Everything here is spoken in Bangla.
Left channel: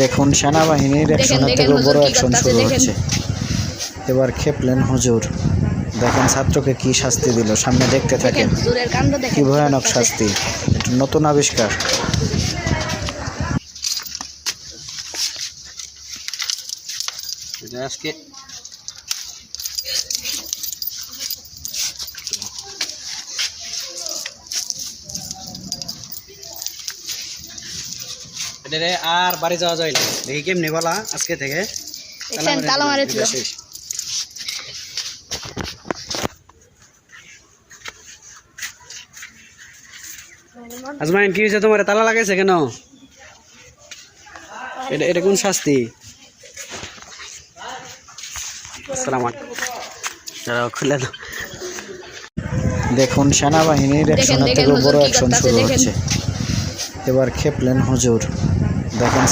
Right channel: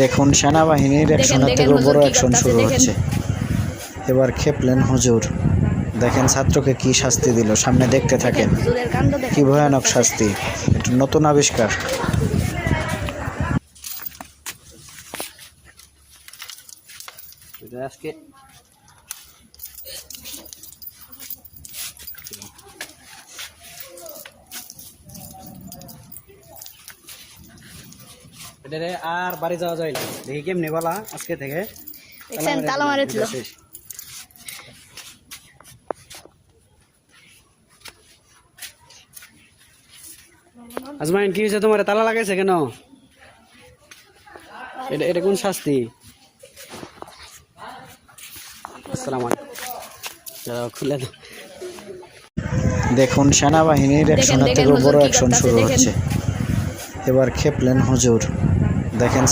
দেখুন সেনাবাহিনীর অ্যাকশনের থেকেও বড় অ্যাকশন শুরু হচ্ছে। এবার খেপলেন হুজুর। দেখেন ছাত্রকে কি শাস্তি দিল, সামনে দেখতে থাকেন। কি ভয়ানক শাস্তি, এটা নতুন আবিষ্কার। আজকে আর বাড়ি যাওয়া যায় না, দেখি কেমনি বলা আজকে থেকে তালা মারেছিল। আজমাইন কি হয়েছে তোমার, তালা লাগাইছে কেন? এটা কোন শাস্তি? আসসালামু আলাইকুম, খুলে দাও। দেখুন সেনাবাহিনীর অ্যাকশনের থেকেও বড় অ্যাকশন শুরু হচ্ছে। এবার খেপলেন হুজুর। দেখেন